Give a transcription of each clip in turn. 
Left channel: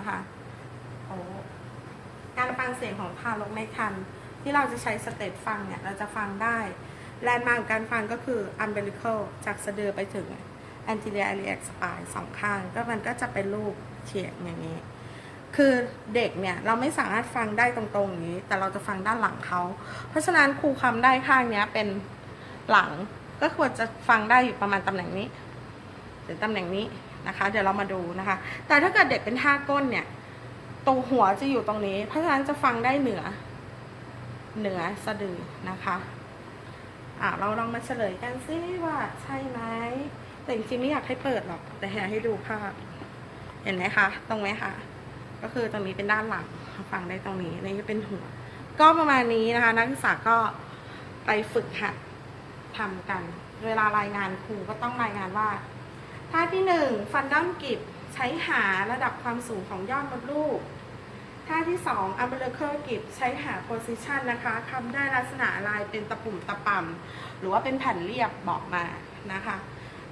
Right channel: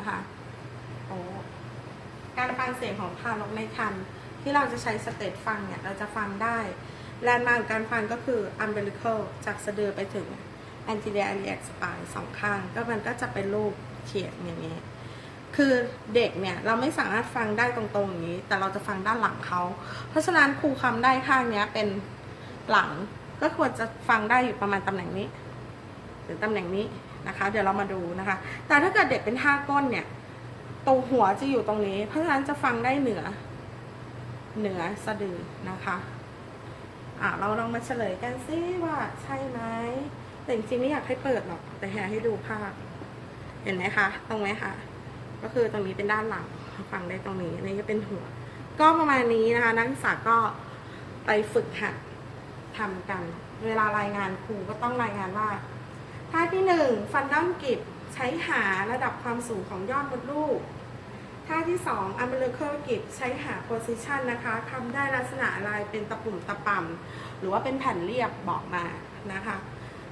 นะคะโอ้การฟังเสียงของทารกในครรภ์ที่เราจะใช้สเตตฟังเนี่ยเราจะฟังได้แลนด์มาร์กการฟังก็คือ umbilical จากสะดือไปถึง anterior iliac spine สองข้าง ก็มันก็จะเป็นรูปเขียนอย่างนี้ คือเด็กเนี่ย เราไม่สามารถฟังได้ตรงๆอย่างนี้ แต่เราจะฟังด้านหลังเขา เพราะฉะนั้นครูคำได้ข้างเนี้ยเป็นหลังก็ควรจะฟังได้อยู่ประมาณตำแหน่งนี้ รือตำแหน่งนี้นะคะ เดี๋ยวเรามาดูนะคะ แต่ถ้าเกิดเด็กเป็นท่าก้นเนี่ยตรงหัวจะอยู่ตรงนี้ เพราะฉะนั้นจะฟังได้เหนือ เหนือสะดือนะคะอะเราลองมาเฉลยกันซิว่าใช่ไหมแต่จริงๆไม่อยากให้เปิดหรอกแต่อยากให้ดูภาพ เห็นไหมคะ ตรงไหมคะ ก็คือตรงนี้เป็นด้านหลังฟังได้ตรงนี้นนี่เป็นหัว ก็ประมาณนี้นะคะ นักศึกษาก็ไปฝึกหัดทำกัน เวลารายงานครูก็ต้องรายงานว่า ท่าที่หนึ่งฟันดั้มกิบใช้หาระดับความสูงของยอดมดลูก ท่าที่สองอัมเบลเคอร์กิบใช้หาโพซิชันนะคะคำได้ลักษณะอะไรเป็นตะปุ่มตะป่ำหรือว่าเป็นแผ่นเรียบบอกมานะคะ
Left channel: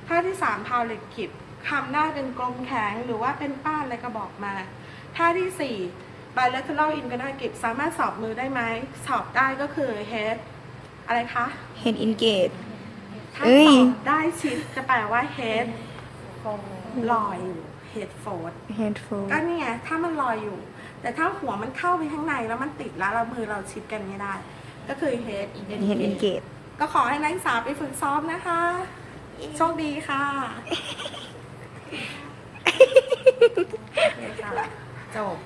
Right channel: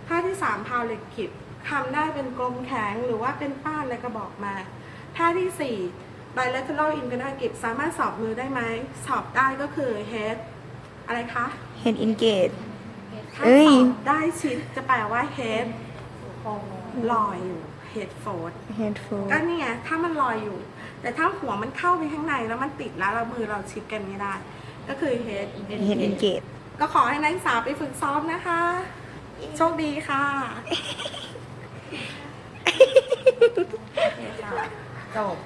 ท่าที่สามพาวเลตกิบคำได้เป็นกลมแข็งหรือว่าเป็นป้านอะไรก็บอกมา ท่าที่สี่ bilateral i n g a n a g i b สามารถสอบมือได้ไหม สอบได้ก็คือ head อะไรคะ Head engage ถ้าเอ้ยสอบได้ชิดจะแปลว่า head ลอยอยู่ head forward Head fold ก็นี่ไงถ้ามันลอยอยู่ แต่ถ้าหัวมันเข้าไปข้างในแล้วมันติดแล้วเรามือเราชิดกันไม่ได้ ก็คือ head Head engage ก็ขอให้นักศึกษาไปฝึกซ้อมนะคะ โชคดีค่ะโอเคค่ะจบ